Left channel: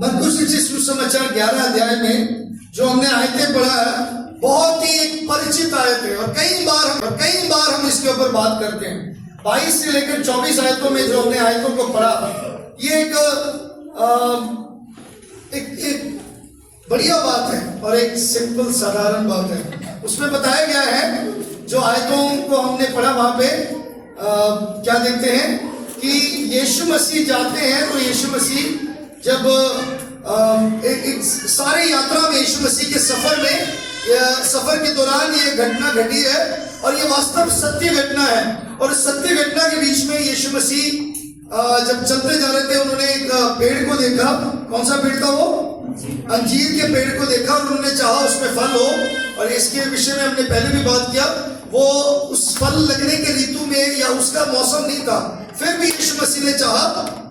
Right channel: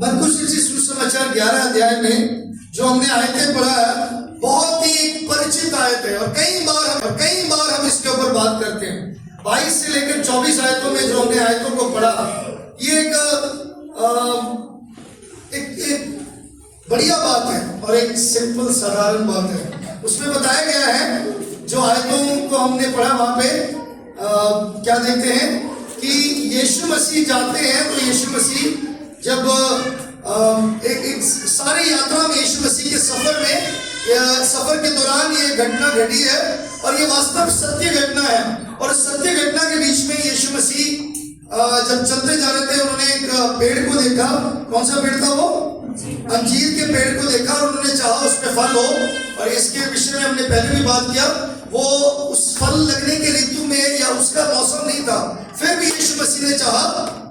मरकुस रचित सुसमाचार 11 अध्याय में जो हमने आयतें पढ़ा है, बहुत ही परिचित आयत है और कई बार हम इसके ऊपर बात करते हैं। 22 से लेकर 24 आयतों में जो हमने आयतों को पढ़ा, ये एक बढ़िया बात है और एक सिंपल साधारण बात है। उसमें बताया गया है, जो आयतों को हमने पढ़ा वहां पे क्या देखते हैं कि यीशु मसीह जाते हैं, तो यीशु मसीह जब एक सारे यात्रा में यीशु मसीह के सफर के दौरान ये घटना घटी है और ये वास्तव सत्य घटना है। और सत्य घटना के बीच में यीशु मसीह जब चलते जा रहे थे, उन्होंने एक पेड़ को देखा। कौन सा पेड़ था वो? अंजीर के पेड़ को देखा और उन्होंने चाहा उसमें फल हो। और इसके विषय में हमने पहले भी बात किया, वो उस फल लगने के ऋतु में या उसका मौसम नहीं था, फिर भी यीशु मसीह ने चाहा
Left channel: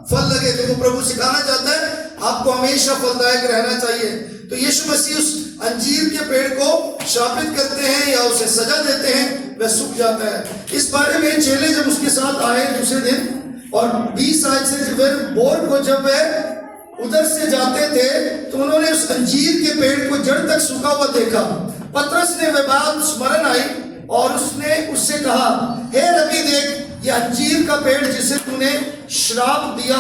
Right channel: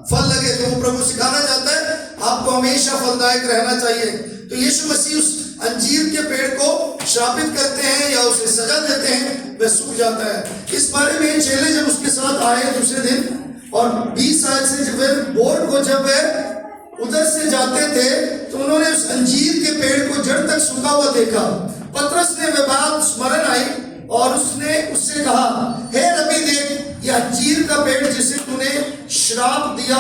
फल लगे। तो वो प्रभु सिखाना चाहता है आपको हमेशा फलदायक रहना चाहिए। तो यीशु मसीह उस अंजीर के पेड़ को श्रापित करते हैं या उसे सजा देते हैं, वह सूख जाता है। इस बारे में चेले जब उसके साथ आए दूसरे दिन, और 20 साल से जब बोर्ड को जब वह उधर से जाते थे, तो उन्होंने उस अंजीर के पेड़ को जड़ तक सूखा हुआ देखा। पतरस ने वह बात स्मरण आई और उसने उससे कहा, हे रबी, देख, यह अंजीर का पेड़ जिसे तूने श्राप दिया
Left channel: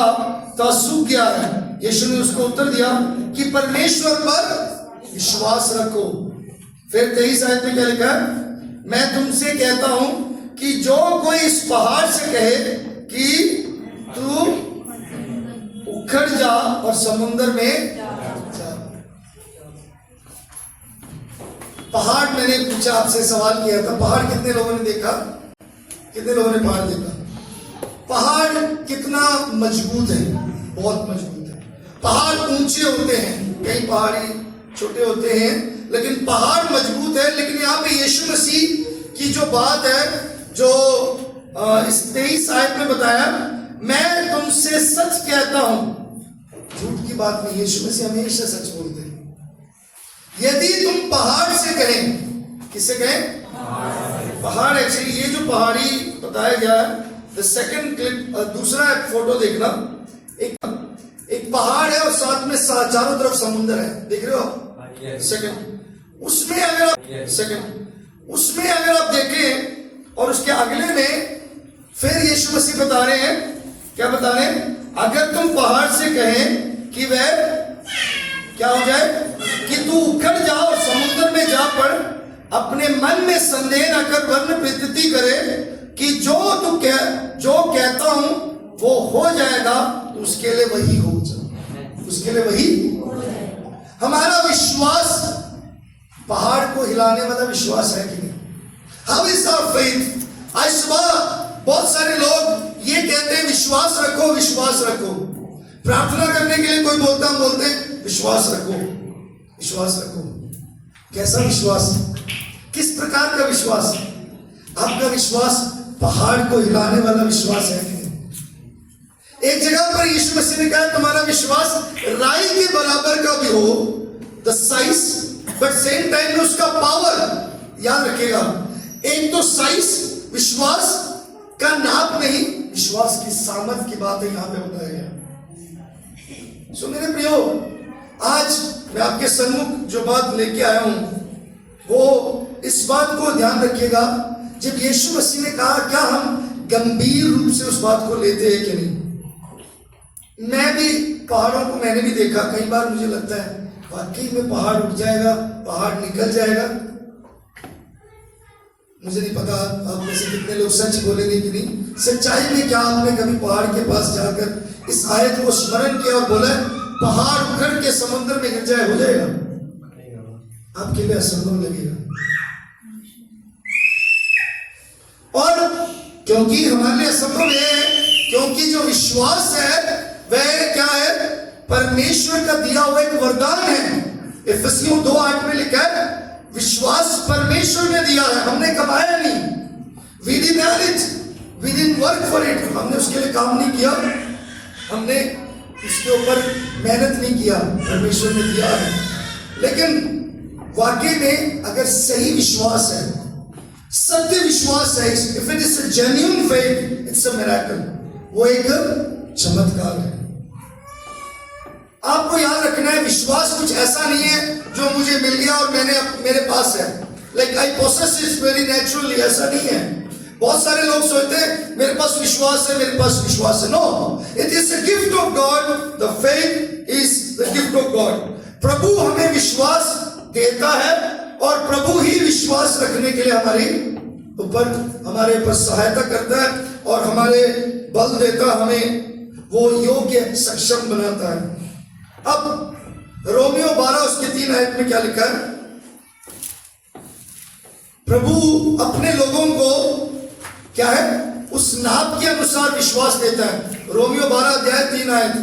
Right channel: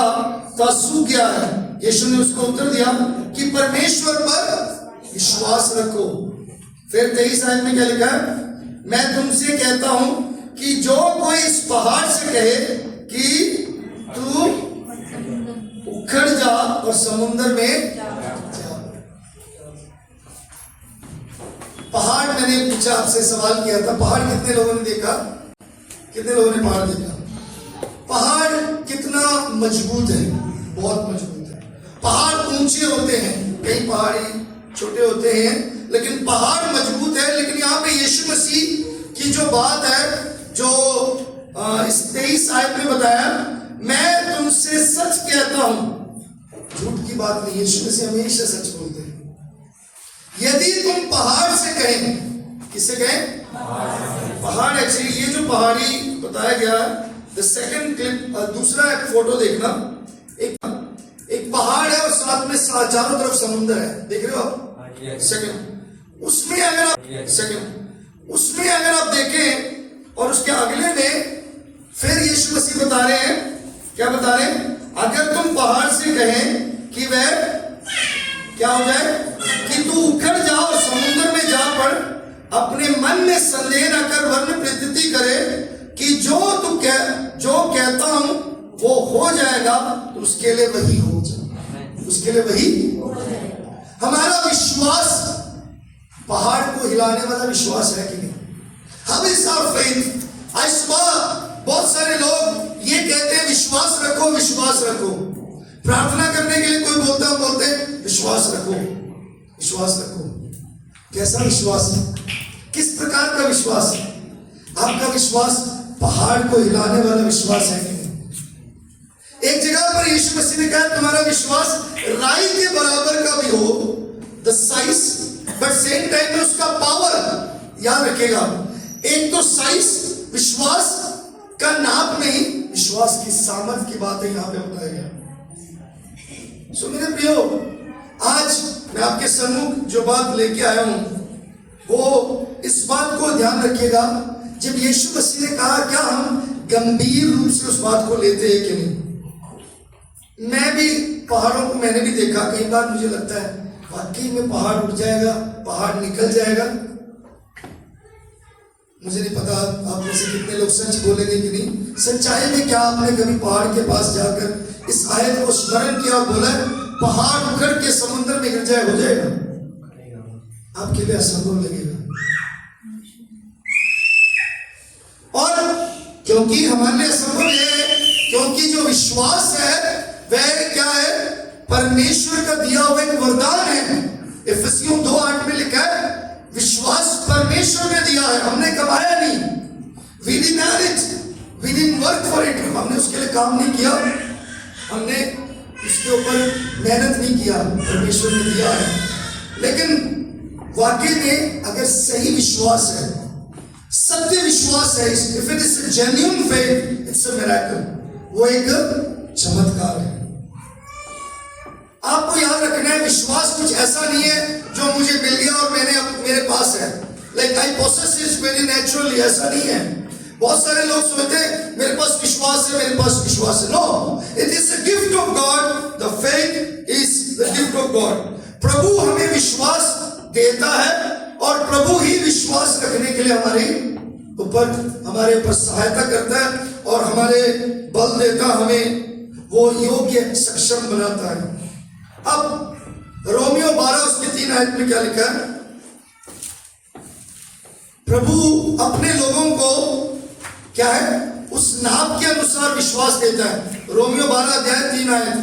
था सूख गया है। यीशु ने उसको उत्तर दिया कि परमेश्वर पर विश्वास रखो। फिर 23 आयत में क्या लिखा है? मैं तुमसे कहता हूं कि जो कोई इस पहाड़ से कहे कि तू उखड़ जा और समुद्र में जा। पहाड़, मैंने पूछा आपसे, सवाल किया था, पहाड़ कितने लोगों ने देखा? कितने लोगों ने पहाड़ देखा? पहाड़ कितना मजबूत है, बहुत मजबूत है। पहाड़ ऊंचे होते हैं, कई पहाड़ी छोटे होते हैं, लेकिन पहाड़ मजबूत है। लेकिन यहाँ पे यीशु मसीह की जो बात है, जो इस 23 आयत में बताया, मैं तुमसे सच कहता हूं, झूठ की बात नहीं, यीशु मसीह हमेशा सच बोलते हैं। यदि तुम पहाड़ से कहें, किससे कहें? पहाड़। एक्चुअली ये जो पहाड़ी बताया गया है, द सेकंड क्लिप, दूसरा फोटो देखना, एक पहाड़ है और साथ में चारों तरफ समुद्र है, देख रहे हो आप? सेकंड, उसमें अगर आप देखें और उसके अगले में फिर यीशु मसीह बता रहे हैं, क्या बता रहे हैं? अगर तुम पहाड़ से कहें कि वह क्या हो जाए, कि तू उखड़ जा और समुद्र में जा पड़, अपने मन में संदेह न कर, वरन प्रतीति करे कि जो कहता हूं वो हो जाएगा, तो उसके लिए वही हो जाए, उसके लिए वही। हमारा विश्वास पहाड़ को हिलाने वाला विश्वास है कि नहीं? How is our faith? आज सुबह बहुत सारे लोग ये कहते हैं विश्वास रखो, विश्वास रखो। प्रार्थना करने के लिए कोई बोलता, हम बोलते हैं विश्वास रखो, विश्वास रखो। कैसा विश्वास? किस प्रकार का विश्वास? आपका विश्वास पहाड़ को हिलाने वाला विश्वास है कि नहीं? एक जगह पर यीशु मसीह ने कहा, तुम्हारा विश्वास राई के बराबर का भी हो, the size, but same time में उसका पावर। याद रखिएगा, एक तो साइज विश्वास का नाप नहीं, विश्वास की सामर्थ की बात है यहां पे बताया गया। सो मेरे प्रियो, आज मैं आपके सम्मुख जो बात लेके आया हूं, वो इस बात को ध्यान रखिएगा, जब यीशु मसीह ने कहा, क्या हम गंभीर रूप से उस बात को लेते हैं कि नहीं? मैं भी पहाड़ों को मैंने भी देखा, कई बार मुझे लगता है वाकई में पहाड़ उठ जाएगा, पहाड़ निकल जाएगा। मुझे नहीं पता आप में से कितने लोग सच बोलेंगे कि नहीं। सच्चाई में क्या आपने कभी पहाड़ के पास जाकर इस आयत को स्मरण किया और बोला, पहाड़ उखड़ के समुद्र में गिर जाए, हो जाएगा? आपके लिए असंभव लगेगा। और क्योंकि हमारे लिए असंभव है, क्योंकि जो विश्वास है वह क्या है? परमेश्वर का दिया हुआ एक वरदान है। इफिसियों 2:8 में लिखा है, विश्वास परमेश्वर ने दिया है, हमने कमाया नहीं। We didn't earn it, we didn't work for it, हमने उसके लिए काम नहीं किया, हमने इसके ऊपर मेहनत नहीं किया, परमेश्वर ने दिया है। लेकिन वाकई में अगर सही विश्वास है, सत्य विश्वास है, if it is a genuine faith, it's a miracle, वो एक चमत्कार है। आपको याद विश्वास कुछ ऐसा नहीं है जो मुझे मिल गया और मेरे पास है, like I possess it very naturally, ऐसा नहीं है। बहुत सारे लोग सोचते हैं मेरे पास विश्वास है, मेरे पास विश्वास है। No, it is a gift of God, the faith is the gift of God. प्रभु हमें विश्वास देता है और प्रभु ही विश्वास रखने के लिए हमारे ऊपर सहायता करता है और हमारे बल देता, हमें वो योग्य सक्षम बनाता है। अब रोमियो 12 उसके 3 आयत में क्या लिखा है? प्रभु अपने लोगों को क्या है, उस नाप के अनुसार विश्वास देता है। रोमियो 12 अध्याय 3 आयत,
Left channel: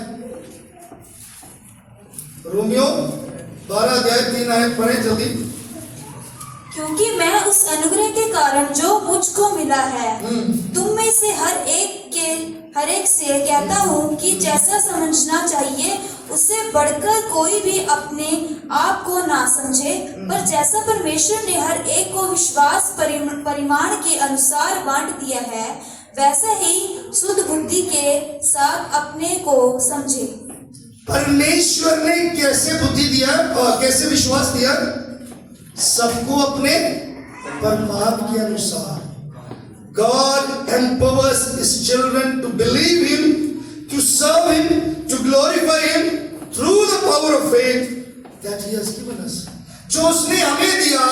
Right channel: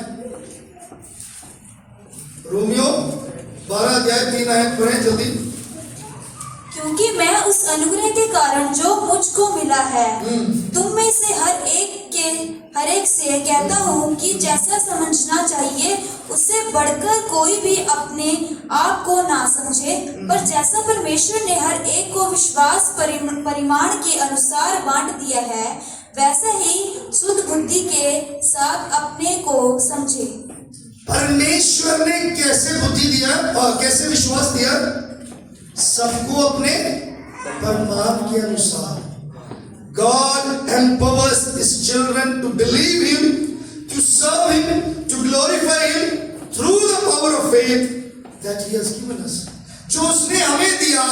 रोमियो 12 अध्याय 3 आयत पढ़ें जल्दी। क्योंकि मैं उस अनुग्रह के कारण जो मुझको मिला है तुम में से हर एक से कहता हूँ कि जैसा समझना चाहिए उससे बढ़कर कोई भी अपने आप को ना समझे, पर जैसा परमेश्वर ने हर एक को विश्वास परिमाण के अनुसार बांट दिया है वैसे ही शुद्ध बुद्धि के साथ अपने को समझे। परमेश्वर ने कैसे बुद्धि दिया और कैसे विश्वास दिया? सबको अपने परमात्मा के अनुसार। God empowers His children to believe Him, to serve Him, to glorify Him through the power of faith that He has given us. जो उसने हमें दिया,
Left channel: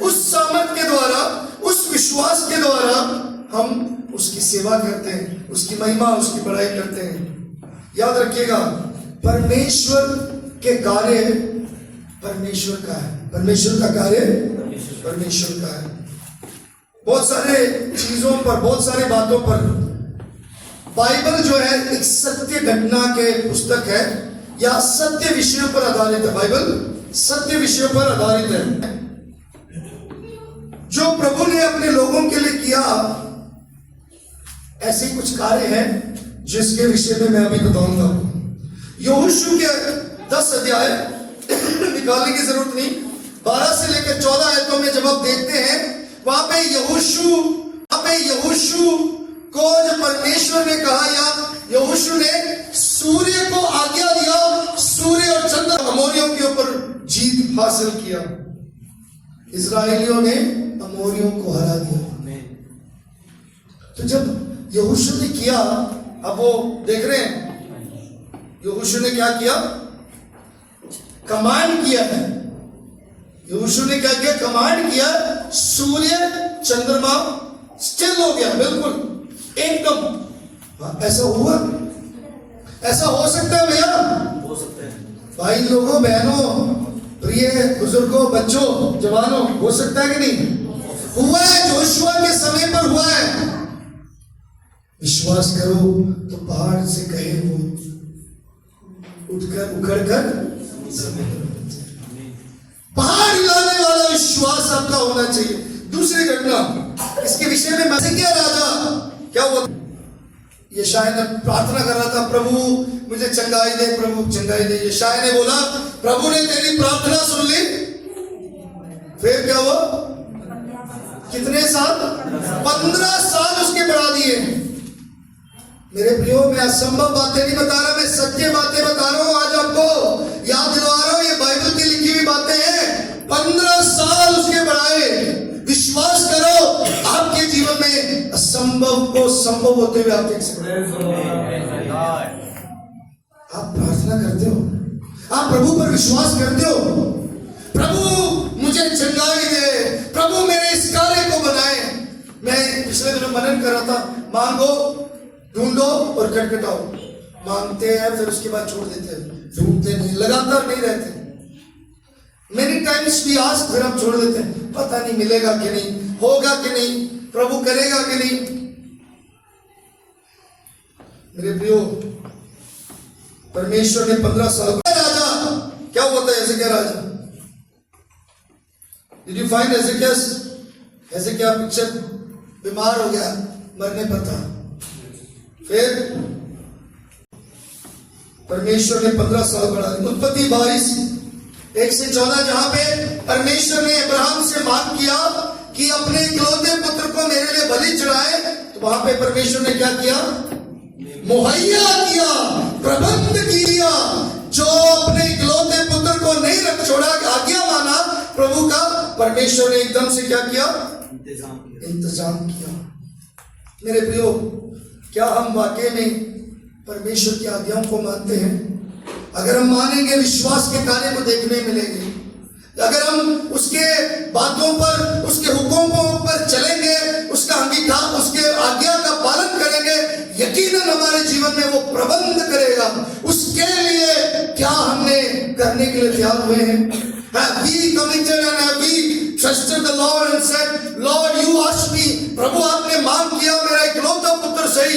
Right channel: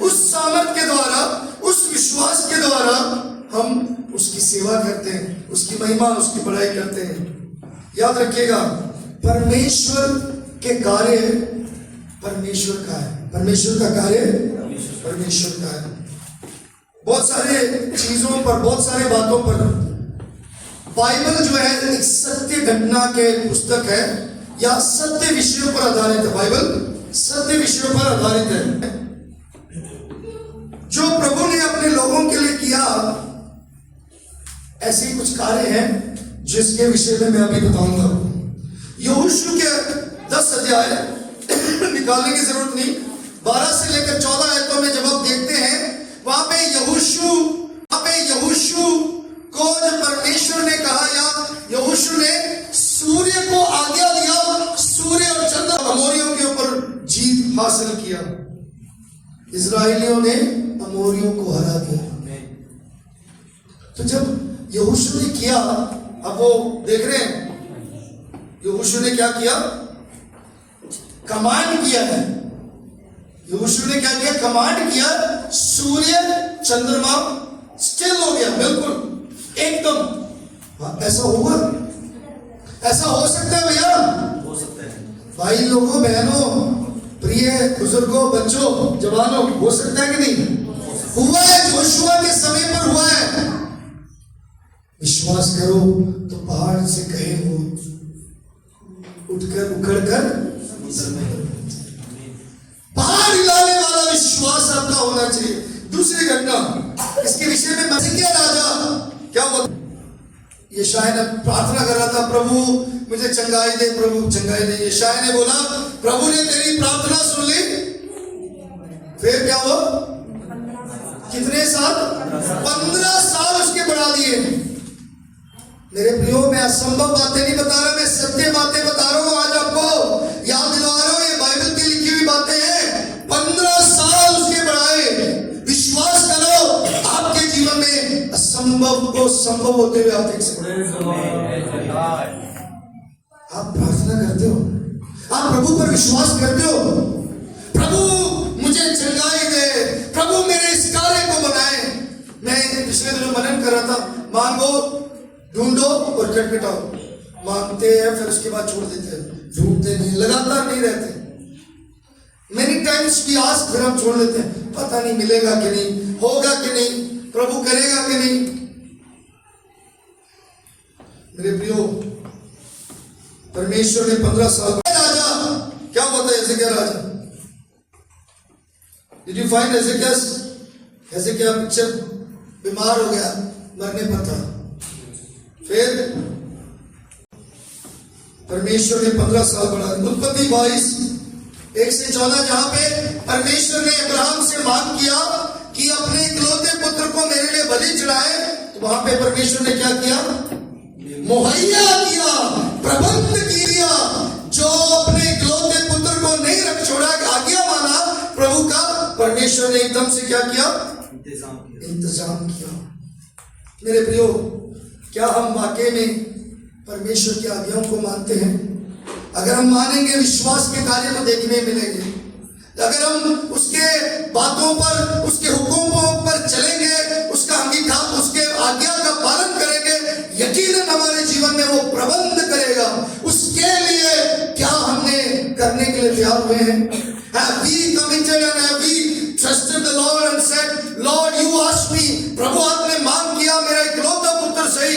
उस सामर्थ के द्वारा, उस विश्वास के द्वारा हम उसकी सेवा करते हैं, उसकी महिमा, उसकी बड़ाई करते हैं। याद रखिएगा, परमेश्वर के कार्य परमेश्वर का है, परमेश्वर का कार्य परमेश्वर का है। बहुत सारे चीजों पर, बहुत सारे बातों पर बाइबल जो है एक सत्य घटना के पुस्तक है या सत्य विषयों पर आधारित है। बाइबल सत्य विषयों पर आधारित है। जो प्रभु ने अपने लोगों के लिए किया, ऐसे कुछ कार्य हैं जिसके विषय में मैं अभी बताऊंगा। यहोशू के 10 अध्याय निकालने की जरूरत नहीं, 12 से लेकर 14 आयतों में जब आप देखते हैं, वहां पे यहोशू को जब परमेश्वर ने कहा या यहोशू ने सूर्य को आज्ञा दिया, सूर्य और चंद्र अमोरियों के ऊपर जीत हासिल किया। इजराइलियों ने अमोरियों को हरा दिया। तो जब यहोशू ने किया, अब वो देख रहे हैं यहोशू ने क्या किया, कमांड किया है। यहोशू ने क्या किया, कमांड किया, सूर्य चंद्रमा स्टिल हो गया, बिल्कुल एकदम। हाँ, ऐसा हुआ, ऐसा हो सकता है भैया, हो सकता है भाई लोगों, बहनों, प्रिय बुजुर्गों, बच्चों, जवानों, हो सकता है कि नहीं? हुआ है, जोशुआ के समय पर हुआ है। विश्वास करो तो पहाड़ से कहे वो उठकर उखड़कर, पहाड़ हिलाने वाला विश्वास आपका होना चाहिए। दूसरी घटना इसके विषय में, मसीह राजा क्या हुआ, यशायाह ने प्रार्थना कर रहा था, प्रभु मुझे चंगाई दे, प्रभु चंगाई दे। यशायाह ने बोला, प्रभु ने तेरी प्रार्थना सुन ली। फिर क्या हुआ, कितने साल? 15 साल उसके बढ़ा दिए। मेरे प्रियो, मैं असंभव बातें नहीं बता रहा, मैं सत्य बातें बता रहा हूं। आज आपको याद दिलवा रहा हूं, ये बाइबल की लिखी हुई बातें हैं। 15 साल उसके बढ़ाए। विश्वास करो, आपके जीवन में असंभव को संभव होते हुए आप देख सकते हो। आप प्रार्थना करते हो, आप प्रभु पर विश्वास करते हो, प्रभु मुझे चंगाई दे, प्रभु मेरे इस कार्य को बनाए। मैं पिछले दिनों मनन कर रहा था, मांगो, ढूंढो और खटखटाओ। मांगते हैं, फिर उसके बाद छोड़ देते हैं, ढूंढते नहीं, लगातार नहीं रहते। मेनी टाइम्स भी आज फिर हम छोड़ देते हैं, पता नहीं मिलेगा कि नहीं, होगा कि नहीं, प्रभु करेगा कि नहीं। मेरे प्रियो, परमेश्वर ने 15 साल राजा क्या हुआ था, हिजकिय्याह राजा। Did you find Hezekiah picture, बीमार हो गया, मरने पर था। फिर परमेश्वर ने 15 साल बढ़ा दिया। उत्पत्ति 22 1 से 14, जहां पे परमेश्वर ने अब्राहम से मांग किया कि अपने इकलौते पुत्र को मेरे लिए बलि चढ़ाए, तो वहां पे परमेश्वर ने क्या किया, मुहैया किया, प्रबंध किया। जो अपने इकलौते पुत्र परमेश्वर ने एकदम से क्या किया? इंतजाम किया। मेरे प्रियो, क्या हम वाकई में परमेश्वर की आज्ञाओं को मानते हैं? अगर हम मानेंगे, विश्वास के कार्य को देखने मिलेंगे। अगर हम उसके बातों पर, उसके हुक्मों पर चलेंगे, उसका अंगीकार, उसके आज्ञा का पालन करेंगे, यकीनन हमारे जीवन में वो प्रबंध करेगा। उसके लिए क्या हमने करने के लिए तैयार हुए हैं? Have we committed and have we trusted the Lord and said, Lord, you asked me, प्रभु आपने मांग किया, मेरा इकलौता पुत्र सही,